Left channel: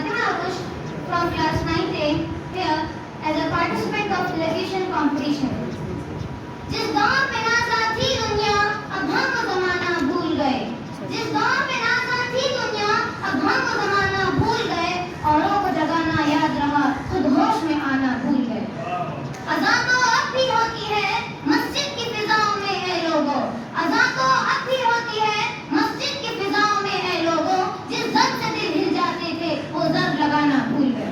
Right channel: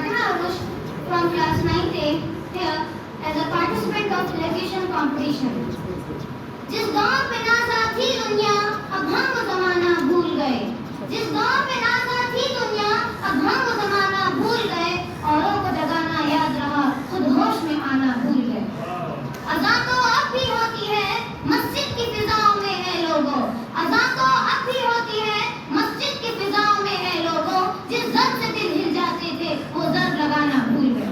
Fatima Arush from class 9th A here as a participant of elocution competition. जिस दौर में नाज़ा थी दुनिया अब हम वो ज़माना भूल गए। जिस दौर में नाज़ा थी दुनिया अब हम वो ज़माना भूल गए। औरों को जगाना याद रहा खुद होश में आना भूल गए। अज़ान तो अब भी होती है मस्जिद की फिजाओं में है लोगों। अज़ान तो अब भी होती है मस्जिद की फिजाओं में है लोगों। जिस ज़र्ब से दिल हिल जाते थे वो ज़र्ब लगाना भूल गए।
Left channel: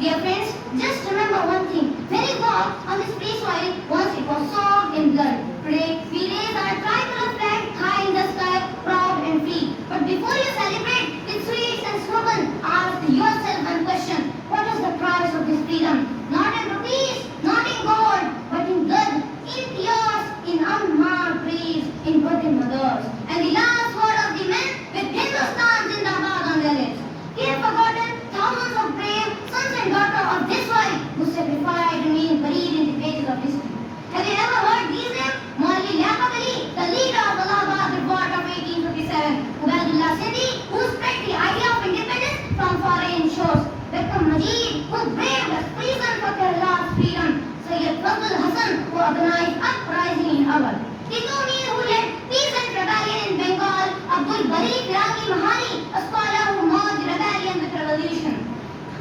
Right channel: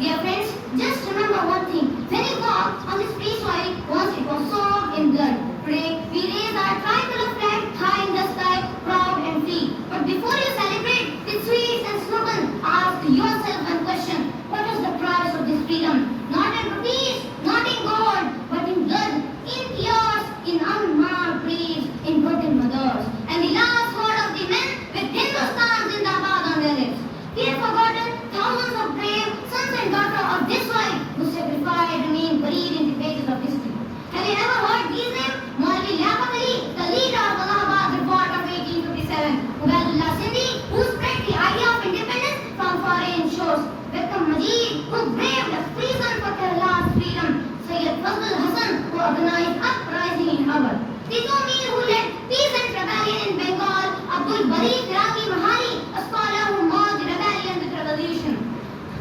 Dear friends, just remember one thing. When you walk on this free soil, once it was soaked in blood. Today, we raise our tricolor flag high in the sky, proud and free. But before you celebrate with sweets and slogans, ask yourself one question. What is the price of this freedom? Not in rupees, not in gold, but in blood, in tears, in unmarked graves, in birthday mothers. And the last word of the men with Hindustan Zindabad on their lips. He had forgotten thousands of brave sons and daughters of this soil who sacrificed and remain buried in the pages of history. Have you ever heard these names? Maulvi Liaquat Ali, the leader of Allahabad Revolt of 1857. Ubaidullah Sindhi, who spread the idea of independence from foreign shores. Beckham Majid, who braved the prison for Kerala's freedom. Sayyid Fazl Hassan, who organized uprising in Awadh. Tito Mir, who led peasant rebellion in Bengal. Abdul Bari Firaqi Mahani, a scholar who merged rebellion with revolution.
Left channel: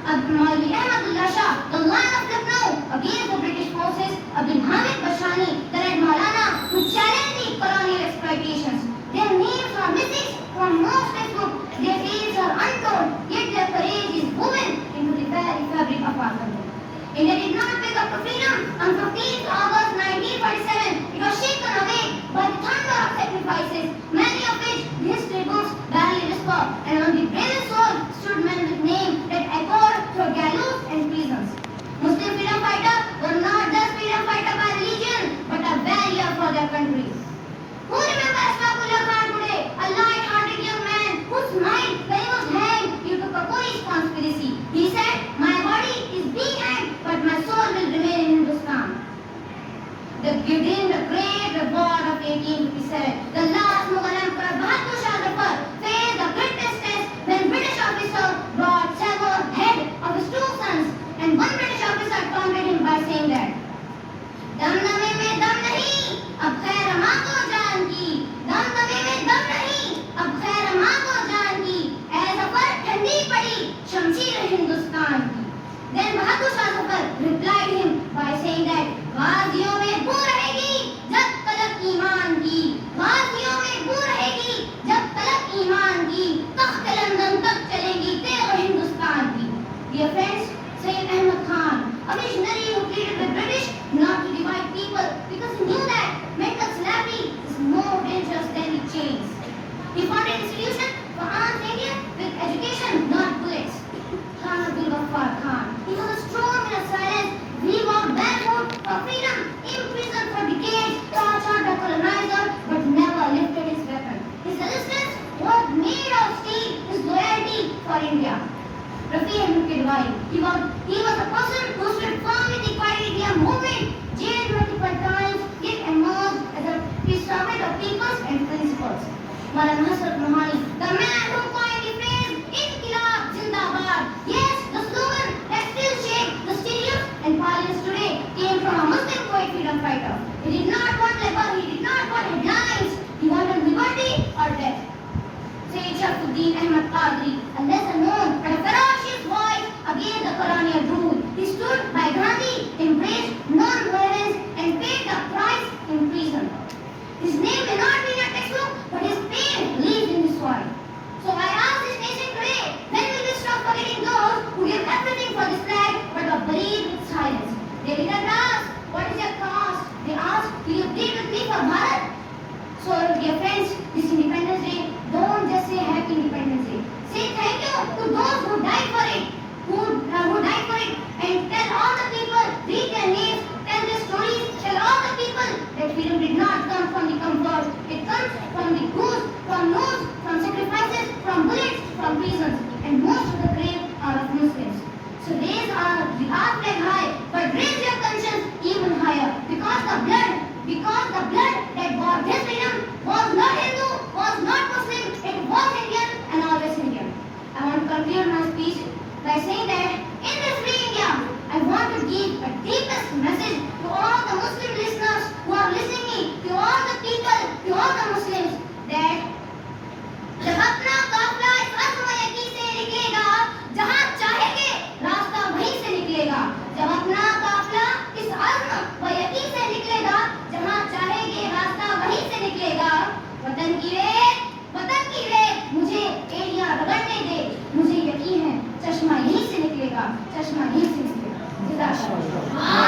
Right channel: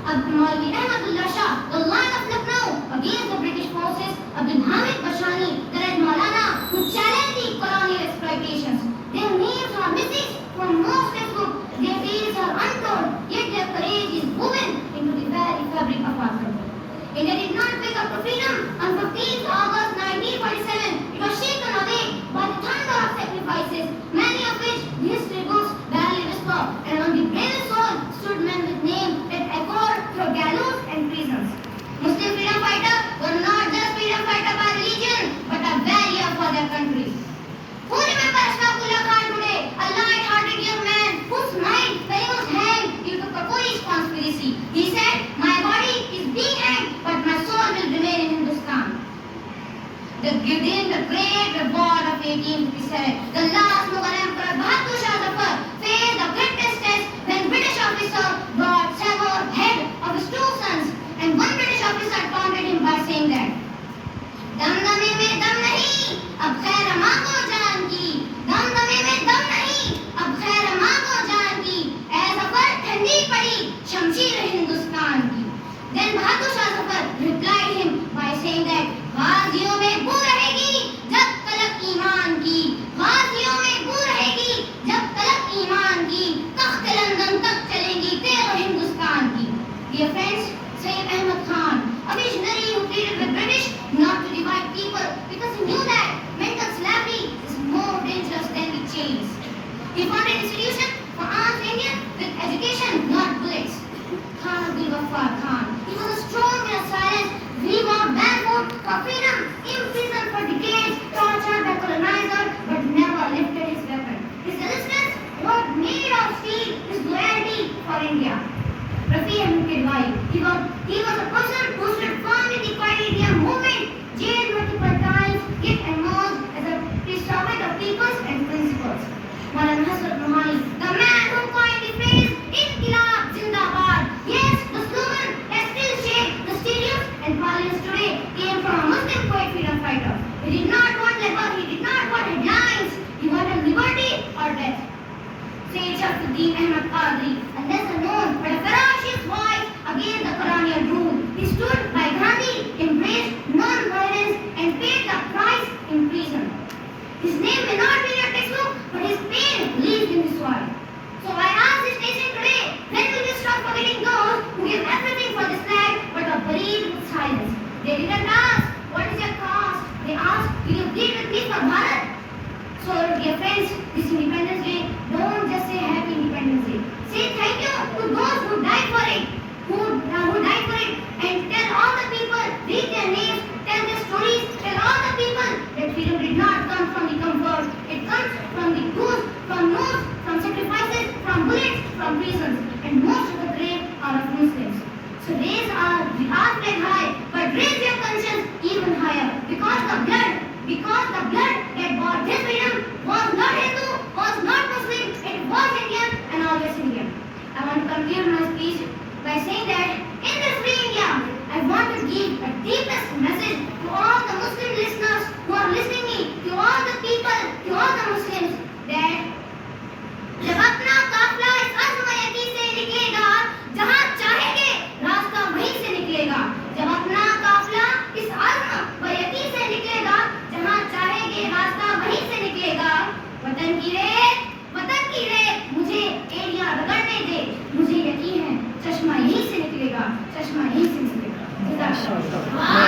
Maulvi Ahmadullah Shah, the lion of Lucknow against the British forces. Abdul Hamid Bashani, the Red Maulana, who challenged the colonial exploitations. Their names are missing from most textbooks. Their deeds are untold, yet their courage is woven into the very fabric of our country. India did not wake up to freedom on 15th August 1947. It was shaken away by the thunder of sacrifices, many of which the history books barely whisper. And on the bravest soul stood men with names that echoed through gallows and prisons. Muslim freedom fighters were not just freedom fighters by religion, but a warrior for their country. Who remembers Ashfaqullah Khan today, a light-hearted young man who smiled when he was hanged due to Kakori's conspiracy? He said, "My body is being hanged, but my soul will remain in Hindustan." Within the great revolt of 1857, the last Mughal emperor Bahadur Shah Zafar faced the greatest test when British officer brought severed head of his two sons, and one British officer taunted him by saying that दमदमे में दम नहीं, अब खैर माँ को जान की। दमदमे में दम नहीं, अब खैर माँ को जान की। ऐ ज़फ़र ठंडी पड़ी शमशीर हिंदुस्तान की। Then Bahadur Shah Zafar replied him by saying that गाजियों में बू रहेगी जब तलक ईमान की। गाजियों में बू रहेगी जब तलक ईमान की। तख्त लंदन तक चलेगी तेरे हिंदुस्तान की। Dear friends, Sayyid Ahmad Khan, a visionary who pleaded with British not to divide people because he knew that mental slavery is more dangerous than the chains. He founded an institution for armed Indians with education, not bullets. Khan Abdul Ghaffar Khan. He was a strong and a silent. He walked barefoot for freedom, imprisoned for decades, tortured by colonizers, but never lifted his weapon. His resistance was made of steel, his loyalty for India. Rafi Ahmed Kidwai. He was a person who stood firm in the Quiet India movement, jailed multiple times, yet emerged as a preserver of peoples and principles. Maulana Hasrat Mohani, the man who coined the phrase Inqilab Zindabad. Yes, the slogan that still shapes the stadiums and parliaments today came from a Muslim poet freedom fighter. He did not want labor, he did not want headlines. He wanted liberty or death. Sayyid Shamsuddin Ahmad Qadri, a lesser known but a ferocious voice against the colonial rule. He stood by Gandhi, embraced non-violence and paid the price in prison. His name may not be in your textbook, but his pain lives in his soil. So I ask this nation today, when will you stop forgetting those who give everything for this flag but are buried with silence? They didn't ask, what is your cost? They asked, will you bleed with me for Bharat? So dear friends, this Independence Day, don't just say Happy Independence Day. Say thank you to those who died for it, who died for it, and tell all the people, read their names, tell their stories, tell all the people that freedom did not come from the comfort. It comes from the goose, from nose, from sacrifices, from bullets, from prisons, and most of the brave are of Muslims. So raise our flag high, but raise your conscience even higher, because the blood that bought this freedom was not Hindu, was not Muslim, it was Indian and always Indian. I want to conclude my speech by saying that in this video, I want to give a deepest message to all the Muslim listeners who are listening me, to all the people, to all the Muslims, that जब अपना काफिला इस अर्ज़ मयकी से निकलेगा, जहाँ चाहेंगे रास्ता वहीं से निकलेगा। जब अपना काफिला इस अर्ज़ मयकी से निकलेगा, जहाँ चाहेंगे रास्ता वहीं से निकलेगा। वतन की रेत मुझे एरिया रगड़ने दे, मुझे यकीन है चश्मा यहीं से निकलेगा, चश्मा यहीं से निकलेगा।